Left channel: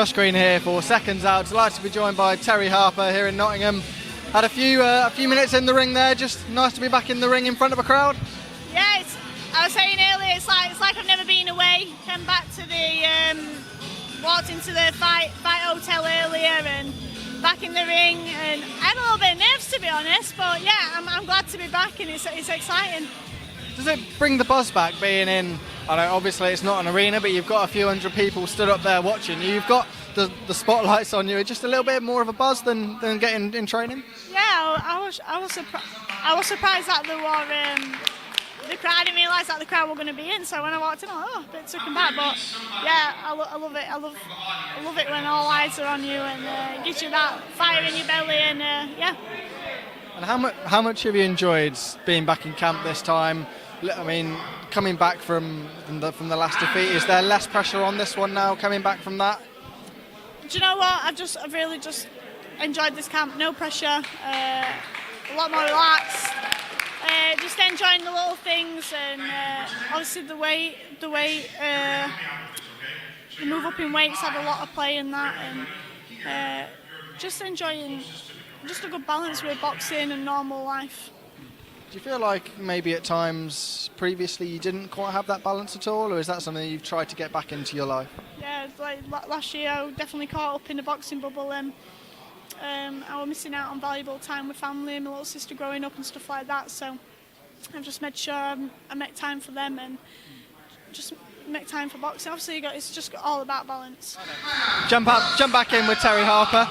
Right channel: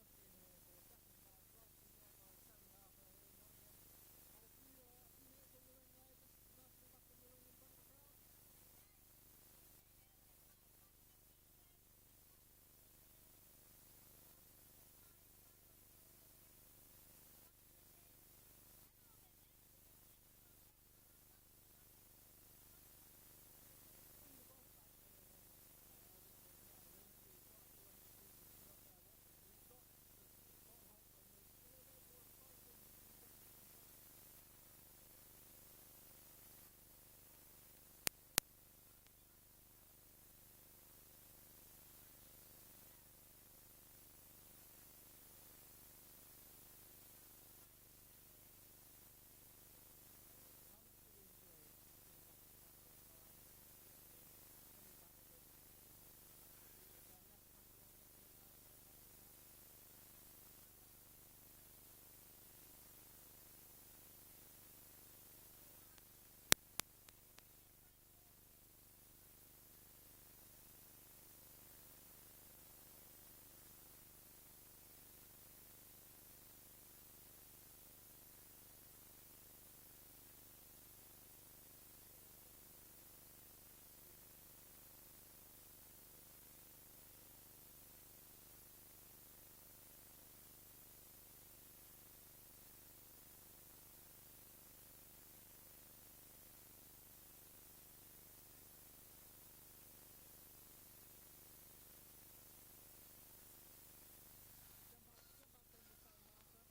Josh Green here for Seconds Out. Delighted to be joined by Terri Harper here in Nottingham. Had a few minutes in the ring there. Just nice to be back in the ring in front of a crowd. Yeah, I was saying earlier, it's like I've never been away. Came back to walked into the fight hotel earlier and back in the ring, and I had a little bit of nerves, to be honest. But yeah, I'm glad to be back, and it's exciting. Does it bring the buzz back being in? I know obviously it's not an arena, but you've got a few hundred people stood up there watching you. You've got the spotlights on you. Just a little bit more of a buzz than getting in training. Yeah, I was surprised that there were the crowd. I didn't realise that the crowd were going to be in. So when I walked in, I was a bit taken back. But yeah, I love it. I love it when all eyes are on you and it gives you that fire in your belly. And yeah. And how much have you enjoyed being back in camp this time? I mean, coming back from the last defeat, is there less pressure on this one now, coming back from that? Do you know what? I've really just enjoyed this camp. No pressure, a lot more relaxed. Just enjoying the little things, and obviously the weight, the move up in weights had a lot of play in that, and just enjoying just a good balance with boxing and normal life. Do you feel like maybe at times previously you didn't quite have that balance at all, or is that something you've tried to get back into your life? Yeah, like last year I definitely caught up in the boxing bubble, and I was missing out on valuable time with family and my little sister growing up and stuff like that. So I've just made sure I make time for them and just make time for boxing. Obviously, it's just all about balance. Jump back in with Terri Harper.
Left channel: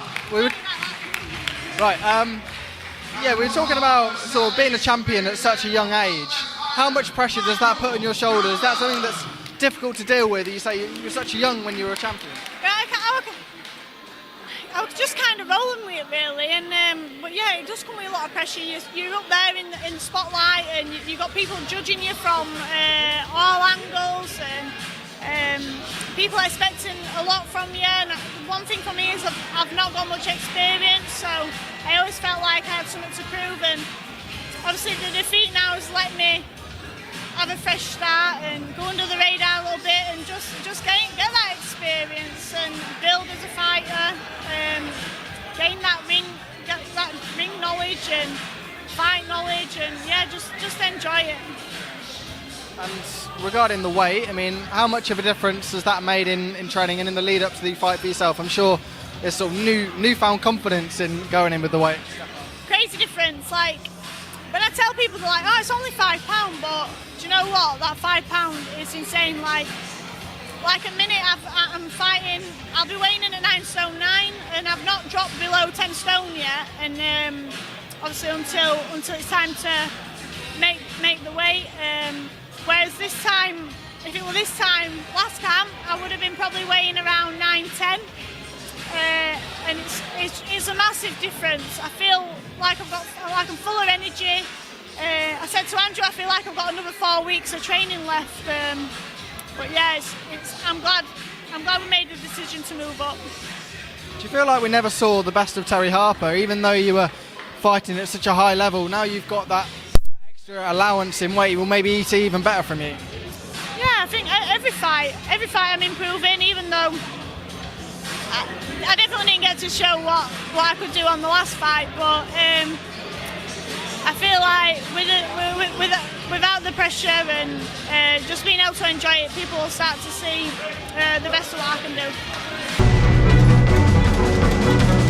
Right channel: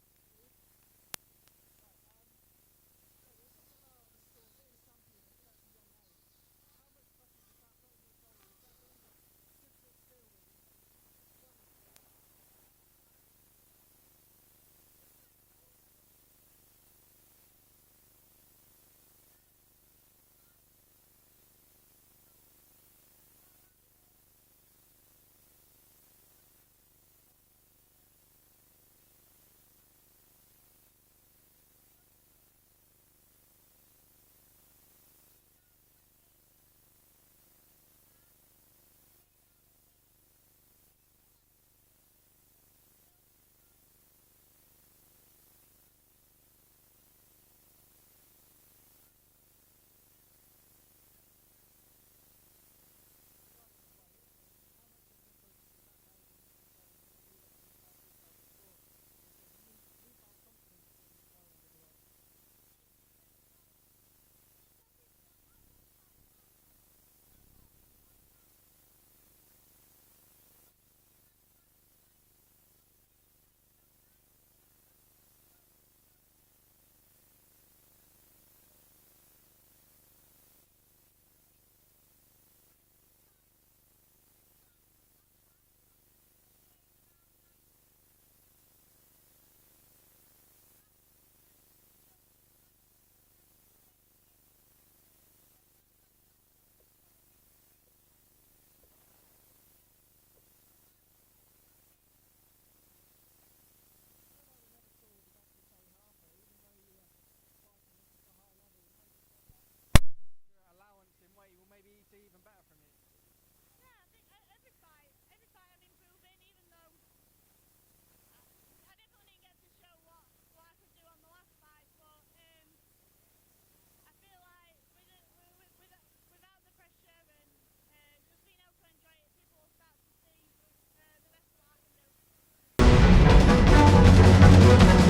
Yeah, we were talking about sort of being a champion at such a young age. How much pressure does that put on your shoulders? Is that something that's difficult to deal with? You say you're such young when you were a champion. Yeah, I was just kind of rolling with it, really. And but yeah, it does come with a lot of pressure. You're up there in the spotlight, and you've got people judging you from all angles, and people expecting a lot from you. And one thing for me is I've not got much experience, so I always felt like I had something to prove. And obviously the defeat now has let me have a fresh start and go under the radar a little bit, and just get that experience and build as a fighter, gain that ring knowledge and fight knowledge, and yeah, just enjoy it. And regarding the weight, I mean, how much of a difference has that made in training and in the lead up to the fight for yourself? I'm sure there's sort of newfound confidence in going in with the weight. Crazy difference. Like when I tell people, they're like, "Oh, it's only £5," but do you know what? That £5 is insane. Like a minute I'm fighting, I'll be weighing in at 9 stone 9, and I've not dropped below 10 stone yet. And obviously until it's time to make the weight. Whereas this time, if it were this time last camp, I would have been probably weighing around 9-10, and it's a massive difference. I feel like I'm full of energy. I said to Andrew, I feel like I've got another 4 weeks of training left. But yeah, I'm glad we made the decision to move up. Do you feel like we never saw the best of Terri Harper, even though you were fighting at such a high level? Now you've got that extra allowance in weight, will maybe eat even better from you. Yeah, I think every fight I'm improving, even though I definitely didn't get to show what I could do on the last fight, but I feel like without the pressure and just being able to enjoy it, people will start to see the best of what I can do.